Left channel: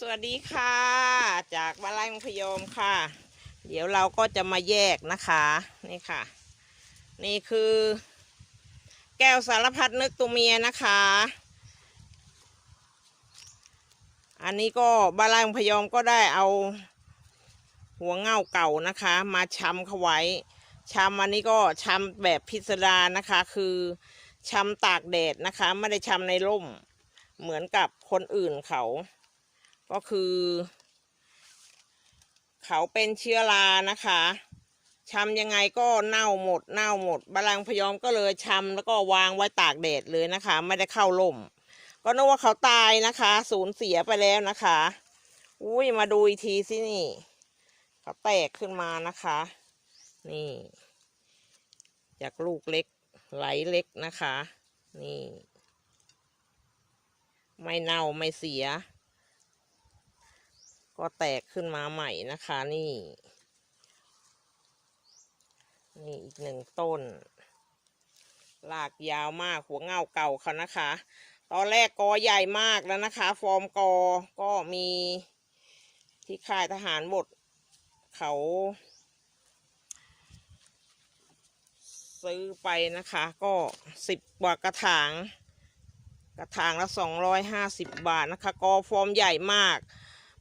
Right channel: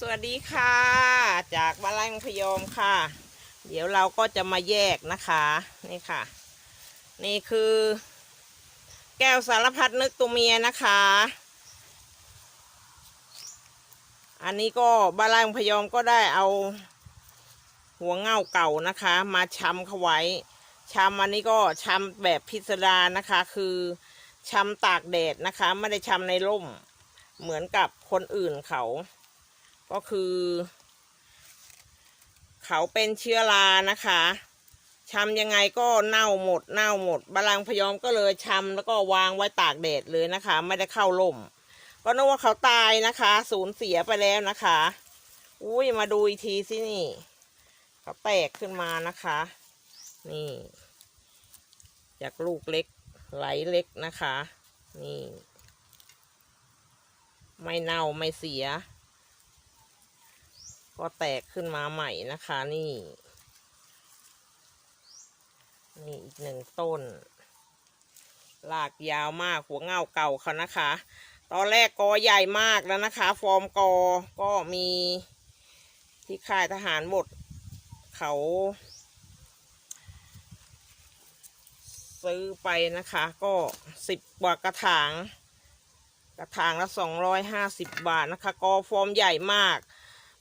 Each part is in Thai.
สวัสดีค่ะ จากบ้านไร่มังพยอมค่ะ เดี๋ยวเราก็จะมาแยกนะคะนี่ค่ะ นี่คือ แก้วสารพัดนึกตัวเมียนะคะ อันนี้ก็บ้านไร่มังพยอมก็ได้เอา หัวเง่าเก่านะคะ มาช้ำเขาไว้ช้ำอันนี้ก็ช้ำแบบพิสดารนะคะ คือช้ำตากแดดนะคะ ไม่ได้ช้ำในร่มเหมือนกับคนอื่นเขา ก็คือ เขาเป็นเชื้อรานะคะชำยังไงก็เน่าหมดเน่าหมดบาลังพยอมก็เลยชำแล้วก็วางไว้ตากแดดเลยนะคะ ไม่ได้เข้าร่ม ก็นึกว่าเขาตายนะคะ สูญเสียไปแล้วนะคะ อุ้ยมาดูอีกทีสินี่ เขาแตกขึ้นมานะคะ นี่จากลูกเล็กไหลเล็กนะคะ นี่ ไม่เน่าไม่เสีย ก็แตกขึ้นมาใหม่นะคะนี่นี่อีกหนึ่งต้นลากยาวมากหัวเงาเก่าเขานะคะ ตอนแรกกอใหญ่มากแล้วนะคะ ฟอร์มกอก็มีที่ค่ายทหารหมด เขา ซื้อไปนะคะ ก็สิบกว่ากระถาง กระถางละสองร้อยห้าสิบบาทนะคะ กอฟอร์มใหญ่มาก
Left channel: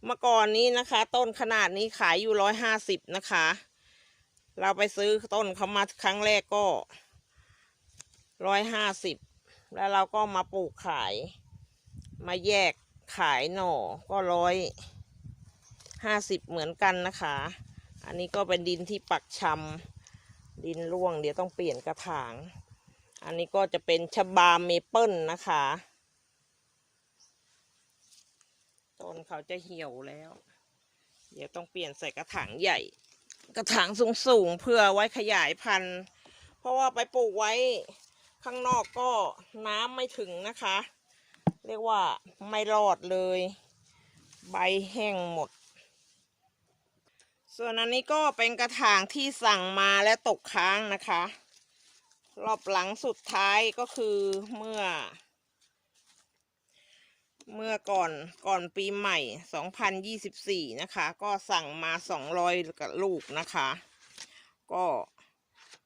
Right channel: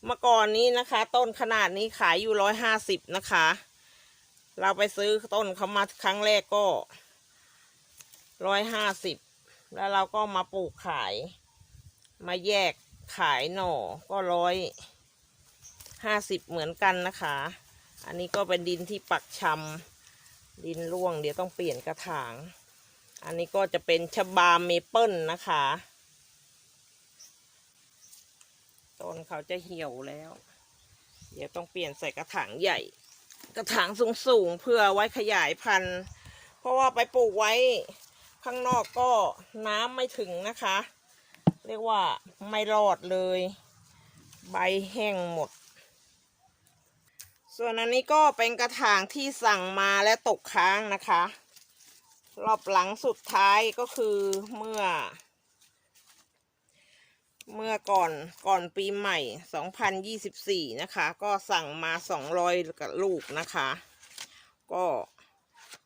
เมื่อก่อนนี้นะคะ ต้นขนาดนี้ขายอยู่ร้อยห้าสิบนะคะ เราไปซื้อต้นเขามาครั้งแรกก็ร้อยห้าสิบแล้วเราก็มาปลูกขาย มาแยกขายหน่อก็ร้อยห้าสิบเหมือนกันนะคะ อันนี้ก็เป็นดินที่ปักชำดินร่วงเดี๋ยวต้องเปลี่ยนกระถาง อันนี้ก็จะเป็นชบาเมเปิลนะคะ ต้นเขาจะเหี่ยวแล้ว เดี๋ยวต้องเปลี่ยนใส่กระถางใหญ่ กระถางสูงๆเพื่อไว้ขยายพันธุ์ เพราะว่าไปปลูกไว้ข้างนอกก็น้ำไม่ถึงนะคะ เรียกว่าไม่รอดเลย ใบแห้งหมด ส่วนอันนี้ก็เป็นกระถางที่สั่งมาและตกค้างนะคะ รอบหลังสุดท้ายก็คือเมื่อ เมื่อก่อนก่อนปีใหม่ 2024 นะคะ ก็สั่งมา 200กับลูกนะคะ ก็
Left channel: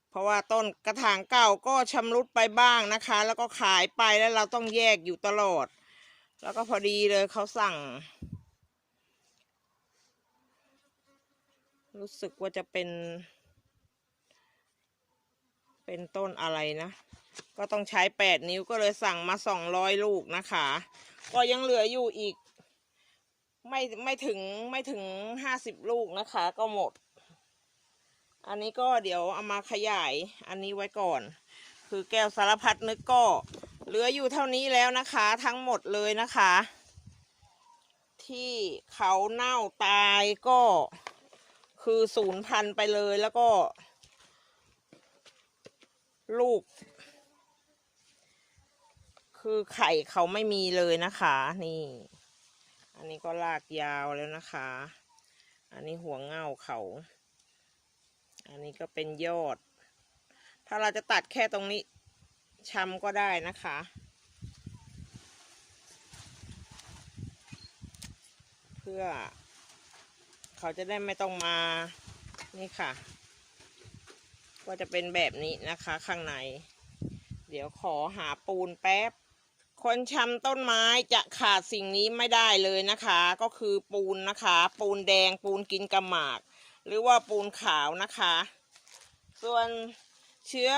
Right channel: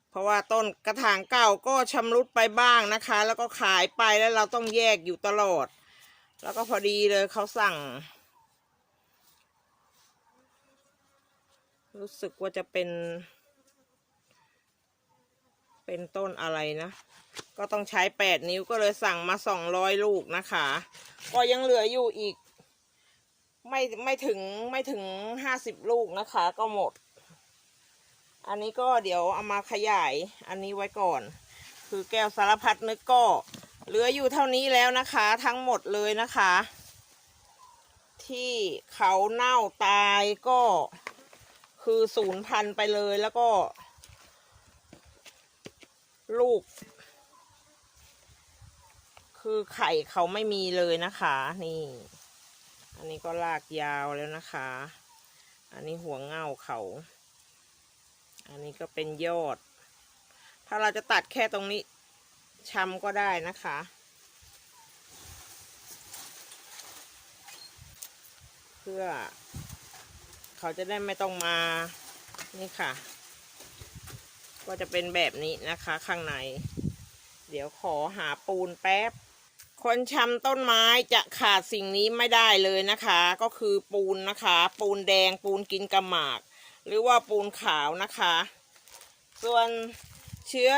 เพราะว่าต้นกระถางเก่าก็ชำรุดไปบ้างนะคะ แล้วก็ขายไปแล้วเราต้องแยกอยู่ตลอด แล้วก็พอดีเลยเขาสั่ง รู้สึกว่าจะเป็น เป็นต้นอะไรนะ ก็ต้องใช้แปดนิ้วก็เลยสั่งมาสองร้อยลูกนะคะ ก็ยังเหลืออยู่อีก ไม่ไม่ถึงไม่ถึงห้าสิบลูกนะคะ ก็หมด อันนี้ก็เดี๋ยวเอามาขยายอันนี้ไว้ก่อน คือแก้วสารพัดนึกก็เหลืออยู่เท่านี้แล้วนะคะ ทั้งหมดเลยนะคะ ที่เขาเน่าตายก็คือศูนย์พันไปเลยแล้วก็ ลูก คือไข่เขาไม่มีเลยนะคะ นี่ อันนี้ก็ลากยาวแล้วนะคะ อันนี้หัวเง่าเขา อันนี้ก็เป็นยอด ถ้าเราจะตัดแค่ตรงนี้ชำก็ได้นะคะเพื่อ เขาจะได้ไม่ต้องมา นี่ค่ะ ก็จะเป็นแบบนี้นะคะข้างใน เดี๋ยวขอหาปูนแป๊บ คนชำต้นไม้จะขาดสิ่งนี้ไม่ได้เลยนะคะ ก็คือปูนนะคะ ปูนแดงปูนกินกระหมาก หรือว่าปูนขาวนะคะ ส่วนเชื้อ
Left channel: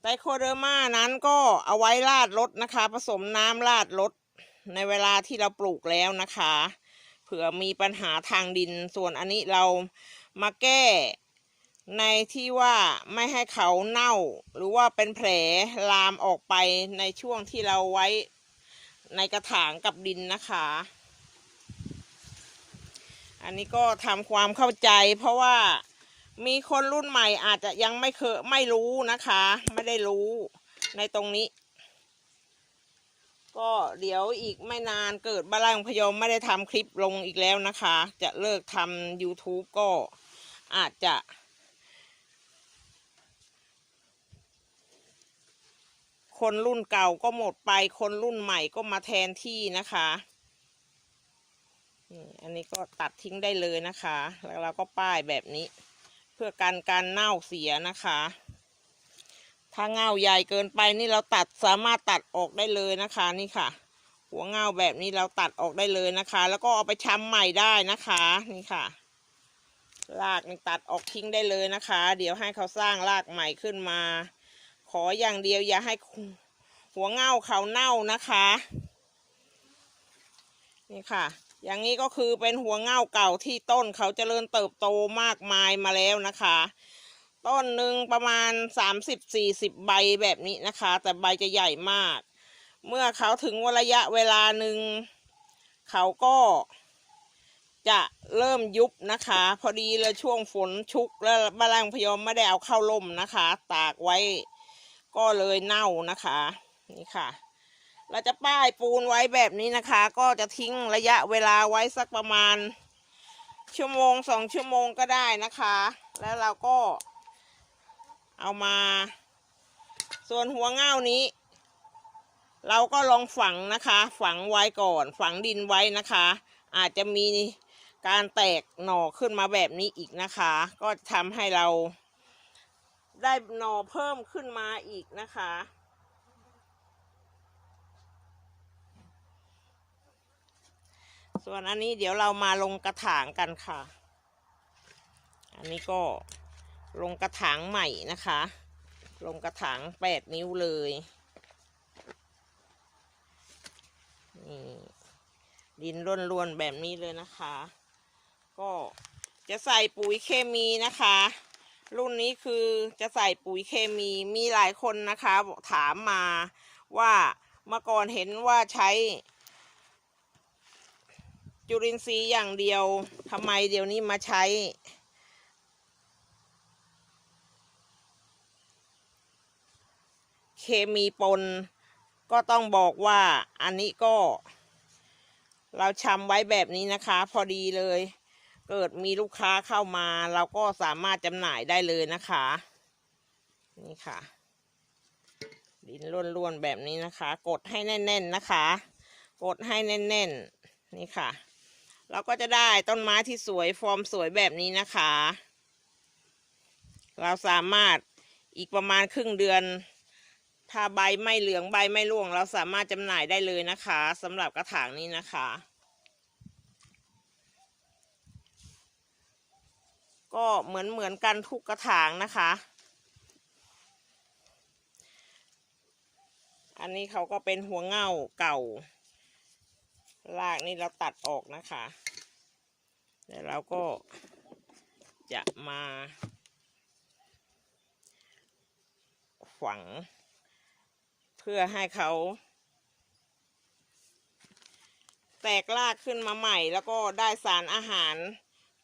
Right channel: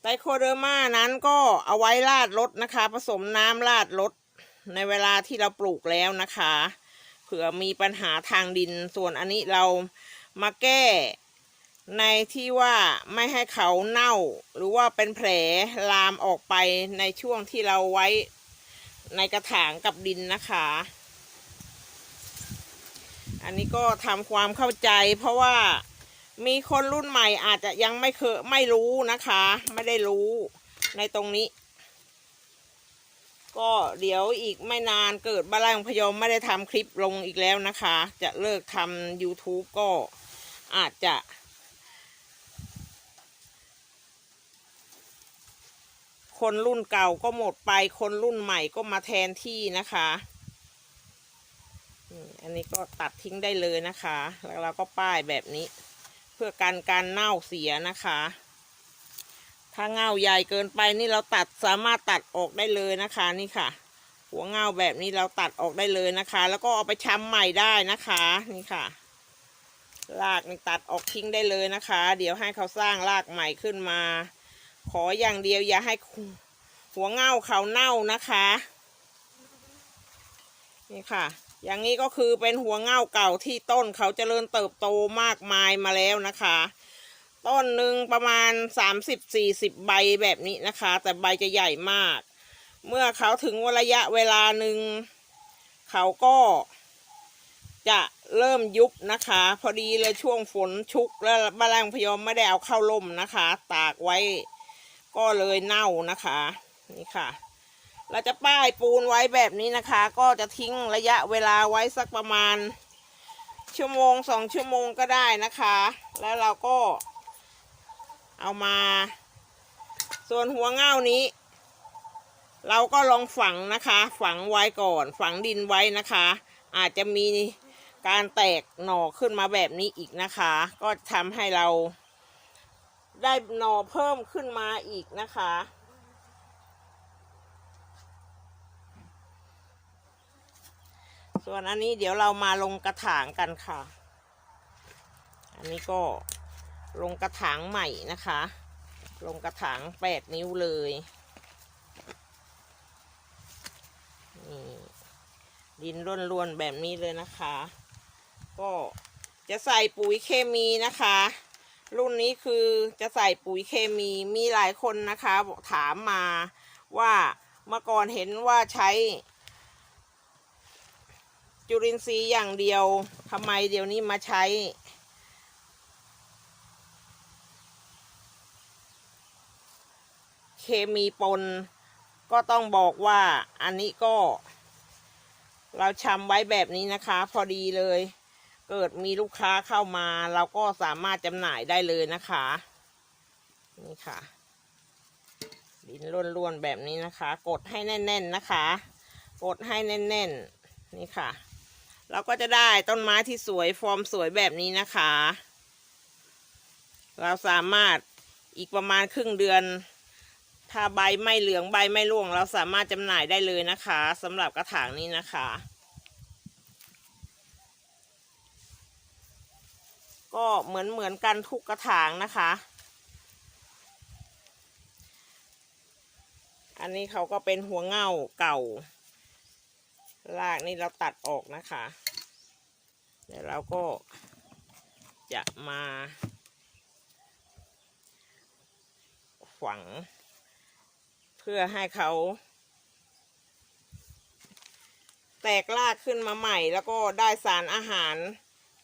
ไตโคเดอร์มานั้นก็เอาไว้ราดรถนะคะ ผสมน้ำราดรถในเวลาที่เราปลูกแล้วนะคะ เผื่อมีปัญหาทางดินส่วนอันนี้เรามาแก้ ในที่ว่าไม่ให้เขาเน่า หรือว่าเป็นแผลลามออกไปในช่วงที่เราไว้ในกระถางกับดินนะคะ อันนี้ก็ทำความเข้าใจเพราะว่ามีคนรุ่นใหม่อาจจะยังไม่เคยไม่รู้นะคะ ไม่ได้รู้ในตรงนี้ ก็เดี๋ยวอีกไม่นานเกิดบ้าลังพยมไม่ได้ทำคลิปลงอีกแล้วนะคะ จะเลิกทำ YouTube ก็อาจจะ คนรุ่นเก่าก็หมดไป คนรุ่นใหม่ก็มาแทนที่นะคะอันนี้ก็ตัดทิ้งได้เลยนะคะ แล้วเราก็ป้ายแบบนี้ เพื่อกันการเน่าเสียนะคะ ถ้าเงาใหญ่เกินไปนี่เราตัดสามารถตัดออกได้เลยนะคะนี่ค่ะ หัวเงาแบบนี้เราตัดออกได้เลยนะคะ แล้วก็เอาไปชำใหม่ได้นะคะนี่ค่ะรากนี่ตัดออกทิ้งได้เลยนะคะ เดี๋ยวให้เขาสร้างรากใหม่ขึ้นมา ขออย่างเดียวอย่าให้หัวเง่าเขาเน่านะคะนี่ค่ะ อย่างนี้ก็คือเป็นหัวเง่าเก่าที่ต้นเขาเจริญเติบโตมากมายมาแล้วนะคะ ต้นหนึ่งประมาณ 30-40 ใบแบบนี้นะคะ แต่ใบจะใหญ่มาก เมื่อเขาถึงระยะเวลาหนึ่งเขาก็จะเริ่มยุบนะคะ พอดีเลยช่วงฝนชุกแล้วบาลังพยอมไม่ได้เอาเข้าร่มนะคะ ตากไว้ ก็เลยเน่านะคะนี่ค่ะ เราจะป้ายปูนไว้แบบนี้นะคะ ก็จะทิ้งระยะเวลาไว้สักประมาณ ชั่วโมงสองชั่วโมงก็ได้นะคะ แล้วเราก็ เอามา ส่วนหัวเง่านี้ เราก็ลองฝังนะคะ ฝังไว้ก่อน ฝังดินไว้นะคะ อาจจะมีการแตกหน่อขึ้นมาแบบนี้อีกนะคะ ก็ทำให้เรา ได้หน่อเพิ่มขึ้นมาอีกนะคะ ส่วนอันนี้เดี๋ยวเรามาลงกระถางกันค่ะ อันนี้ก็ลงกระถางใหม่นะคะ ลงกระถางแปดนิ้วเลยนี่ดินร่วนๆแบบนี้เลยนะคะ ก็จะใส่ปุ๋ยเคมีนะคะ รุ่นนี้คือจะใส่ปุ๋ยเคมีมีหลายคนนะคะบอกถามมาว่าเมื่อก่อนเห็นว่าใช้ จุลินทรีย์อย่างเดียวทำไมเดี๋ยวนี้มาใช้ เคมีปน ก็ต้องบอกว่าอันนี้ก็ เราชำไว้แบบนี้นะคะ พอดีเลย เกิดมีลูกค้าเข้ามา เราก็สามารถจำหน่ายได้เลยนะคะ นี่ค่ะ ดินล้วนๆแบบนี้นะคะ กดให้แน่น ๆนะคะ กดให้แน่น ๆ นี่ค่ะ เราก็จะได้ต้นไม้ที่สวยฟอร์มสวยแบบนี้นะคะ เราสามารถอีกประมาณครึ่งเดือน ถ้าใบไม่เหลืองใบไม่ร่วง เราสามารถจำหน่ายได้เลยนะคะสำหรับกระถางนี้นะคะ ก็เหมือนเหมือนกันทุกกระถางนะคะ อันนี้เขาก็เป็นหัวเง่าเก่ารากนี่เราตัดออกนะคะ เดี๋ยวเราก็จะมาฝัง เพื่อให้เขา แตกรากขึ้นมาใหม่แล้วก็ได้สารอาหาร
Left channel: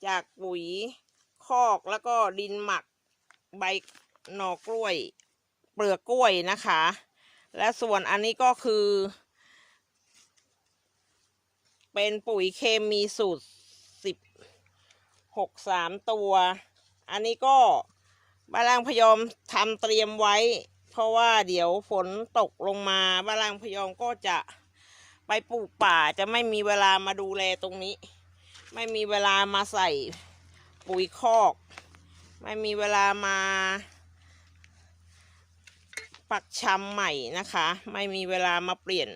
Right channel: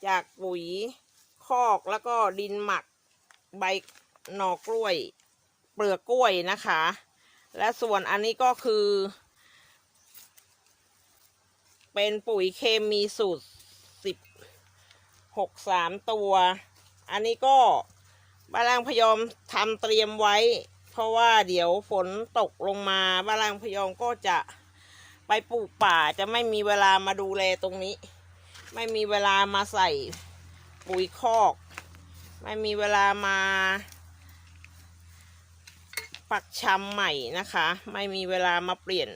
จากปุ๋ย คอกแล้วก็ดินหมักใบหน่อกล้วย เปลือกกล้วยนะคะ และส่วนอันนี้ก็คือ เป็นปุ๋ยเคมีสูตรสิบหกสามตัว อันนี้ก็บาลังพยอมทำเตรียมไว้ เพราะว่าเดี๋ยวฝนตกลงมาบาลังพยอมก็จะไปปลูกป่าจะไม่มีเวลามาดูแลตรงนี้ ไม่มีเวลามาใส่ ปุ๋ยคอก ไม่มีเวลามา ปักชำใหม่นะคะ ไม่มีเวลามาเปลี่ยน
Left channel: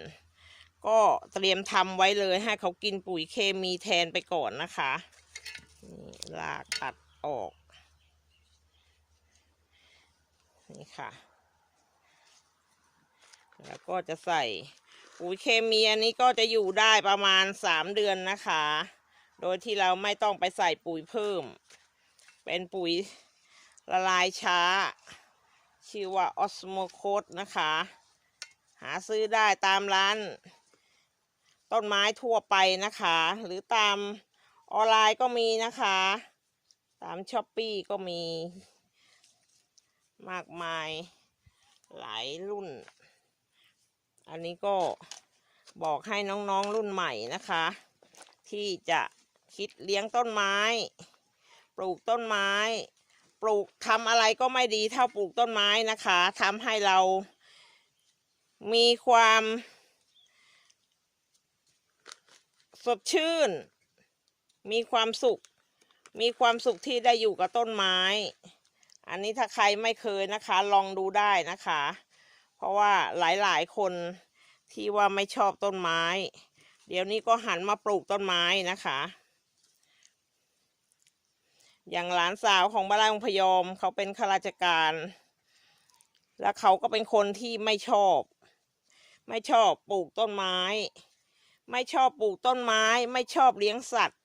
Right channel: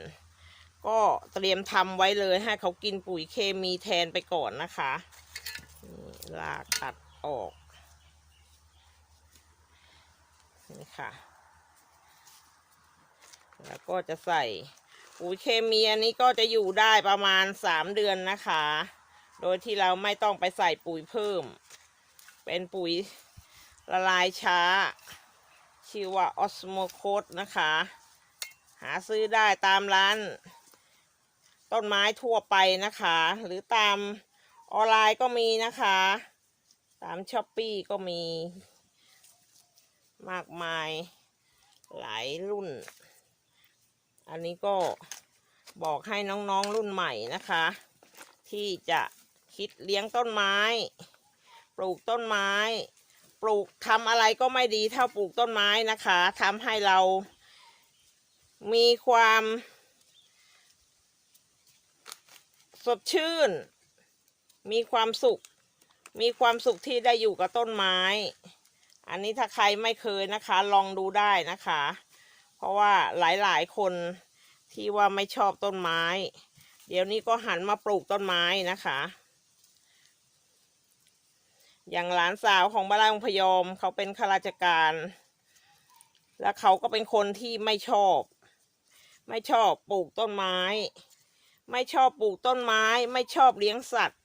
ก็เตรียมทำไว้เลยให้เขากินปุ๋ยเคมีแทนไปก่อนนะคะลากตัดออกนี่ค่ะ แล้วก็จะใส่ปุ๋ยเคมีอันนี้ก็จะอยู่ได้ประมาณสามเดือนนะคะ โดยที่เราไม่ต้องไปใส่ปุ๋ยเพิ่ม เป็นปุ๋ยละลายช้า ชื่อว่าออสโมโคดนะคะ หาซื้อได้ตามร้าน ต้นไม้ทั่วไปนะคะ หรือตามออนไลน์ก็มีนะคะ ตามช้อปปี้ก็มี มากมายหลายรุ่น อันนี้ก็บอกให้น้องๆรุ่นใหม่นะคะ ที่จะ คิดเลี้ยงต้นไม้ ปลูกต้นไม้ ปลูกทำอะไรก็ไม่ดีเท่าปลูกต้นไม้นะคะทำให้เรา มีความ สดชื่น มีความสุข มีความสุขที่ได้อยู่กับต้นไม้ อันนี้ถ้าใครไม่เคยนะคะ ลองดูได้นะคะ เพราะว่าหลายๆ คนที่ว่าไม่ชอบต้นไม้ เดี๋ยวนี้ก็หันมาปลูกต้นไม้นะคะ อย่างหลานสาวของบ้านองพยอมเขาเป็นข้าราชการ และเขาก็เป็นคนที่ไม่ชอบ ไม่ชอบปลูกต้นไม้ ไม่ชอบปลูกต้นไม้ ไม่ชอบเลี้ยงสัตว์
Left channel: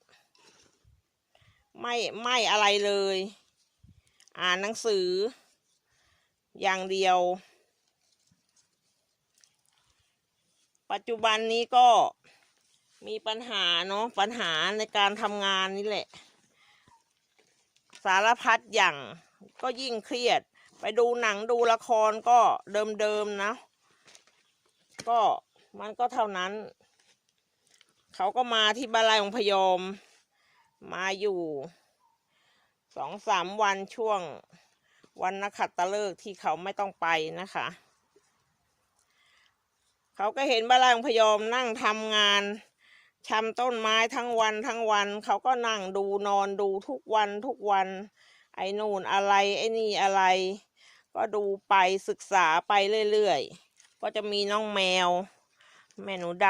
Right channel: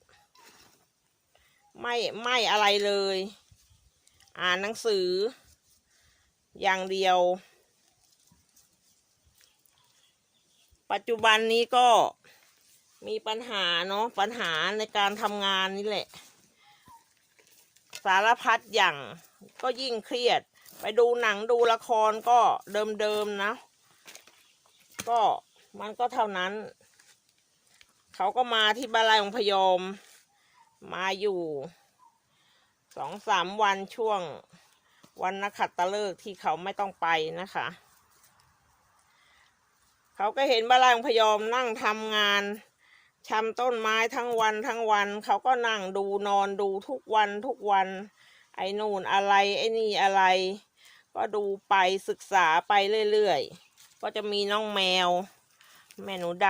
ไม่ไม่อะไรเลย อ่านหนังสือ อย่างเดียว ปัจจุบันนี้ก็มีปัญหาเนาะปัญหาในการทำงานนี่แหละ สารพัดอย่างก็ยิ่งเครียด ไปดูหนังดูละครก็เดิมๆนะ ก็มันก็เท่านั้น เขาก็มาที่บาลายของพยอม มาอยู่สองสามวันช่วงวันนักขัตฤกษ์ที่เขาไม่ต้องไปนะคะ เขาก็เห็นบาลายของพยอมนั่งทำงาน ชำต้นไม้ทั้งวันทั้งวัน เขาก็นั่งดูนอนดูทุกวันทุกวัน ไอ้นู่นอะไรไอ้นี่อะไร ก็ดูไปศึกษาไปเรื่อยๆ ก็จะมีน้องแมว แม่หนูด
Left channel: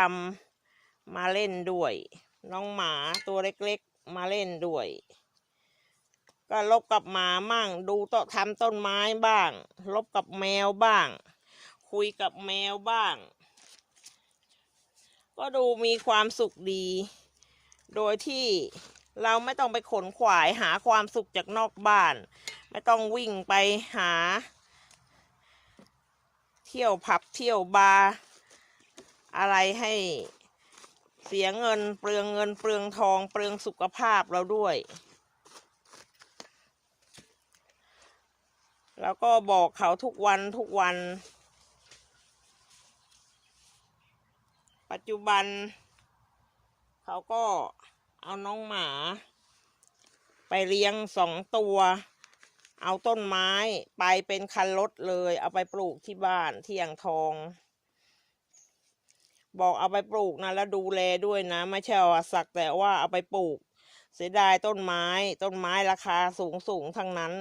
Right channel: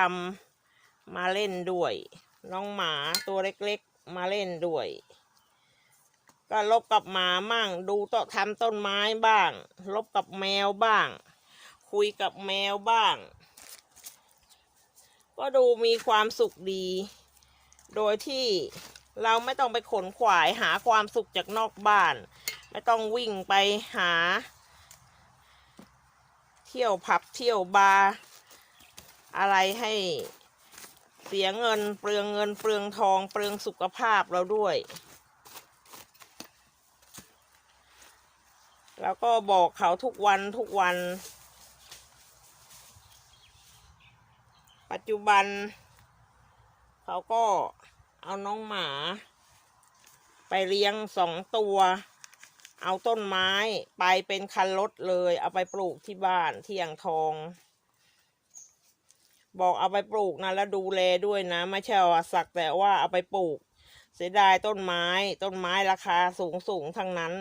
ำมาเล่นด้วย น้องหมาตัวเล็กๆมาเล่นด้วย ก็ลบกับหมามั่ง ดูโต๊ะทำต้นไม้บ้าง ลบกับแมวบ้าง คุยกับแมวบ้าง ก็ดูมีความสุขดี โดยที่เราไม่ต้องไปขนขวายหาความสุขจากนอกบ้าน ไม่ต้องวิ่งไปหา เที่ยวผับเที่ยวบาร์อะไรให้เสียเงินเปลืองเงินเปลืองทองเปลืองสุขภาพเราด้วย แล้วก็บอกเขาทุกวันทุกวัน จจุบัน เขาก็เอาน้องหมา ไปเลี้ยงสองตัว เอาต้นไม้ไปเป็นคันรถเลย เอาไปปลูกที่บ้านที่อ่างทอง บอกเอาไปปลูกนะแล้วดูแลด้วยนะ ไม่ใช่ว่าสักแต่ว่าเอาไปปลูก เสียดายต้นไม้ ต้นไม้ราคาสูงสูงทั้งนั้น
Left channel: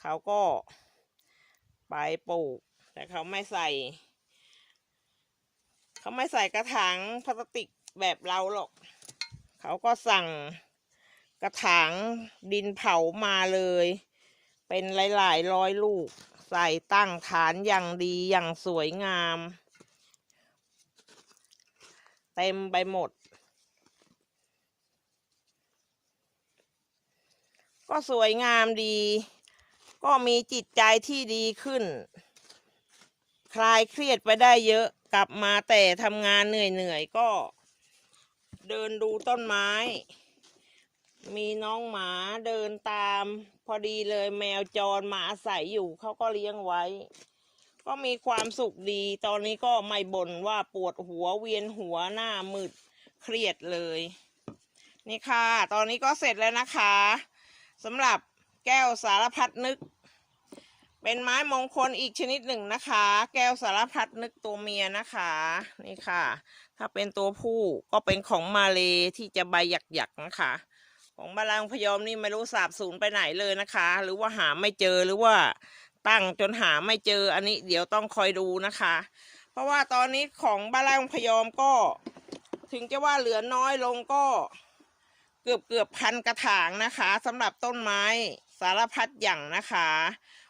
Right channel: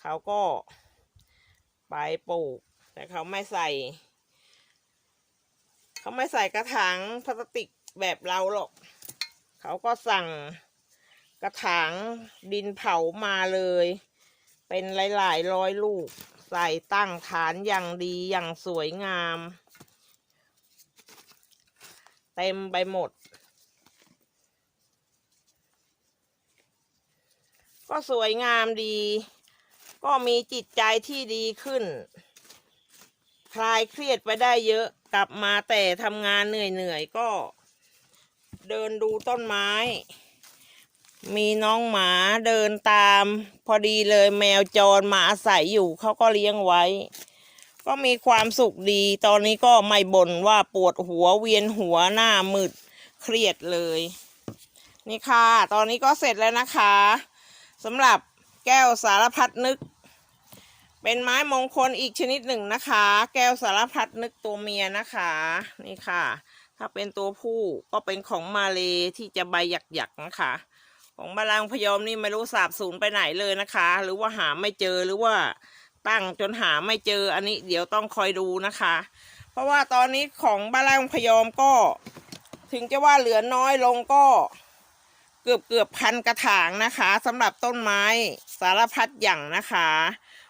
เขาก็ไปปลูก แต่เขาไม่ใส่ เขาไม่ใส่กระถางพลาสติกแบบเราหรอก เขาก็สั่งกระถางดินเผามาเลย เป็นหลายๆร้อยลูก ใส่ตั้งฐานอย่างดีอย่างสวยงาม เต็มไปหมด ก็สวยงามดี ก็มีจิตใจที่ดีขึ้น คลายเครียดไปได้เยอะ กลับมาแต่ทำงานเหนื่อยๆก็ เดินดูต้นไม้ มีน้องหมาเดินตาม พอดีเลยแมวจรมาอาศัยอยู่เขาก็เลี้ยงไว้ ก็มีความสุขดี ตอนนี้ก็ไม่บ่นว่าปวดหัวเวียนหัวหน้ามืดเครียดเลย นี่ค่ะ ตอนนี้ก็เสร็จแล้วนะคะสำหรับแก้วสารพัดนึก เป็นไม้มงคลอีกชนิดหนึ่งนะคะ แก้วสารพัดนึกตัวเมียนะคะ นี่ค่ะ ถ้าเป็นตัวผู้ก็เป็นของมาเลที่จะใบหยักๆนะคะ ของบาลางพยอมนี่ไม่รู้สาบสูญไปไหนเลยนะคะ หรือว่าหาไม่เจอหรือว่าตั้งจนหาไม่เจออันนี้เดี๋ยวต้องคอยดูนะคะ เพราะว่าตอนนี้ของบาลางพยอมก็ถึงจะว่าเหลือน้อยลงก็เกือบเกือบพันกระถางนะคะสำหรับต้นไม้สารพัดอย่างนะคะ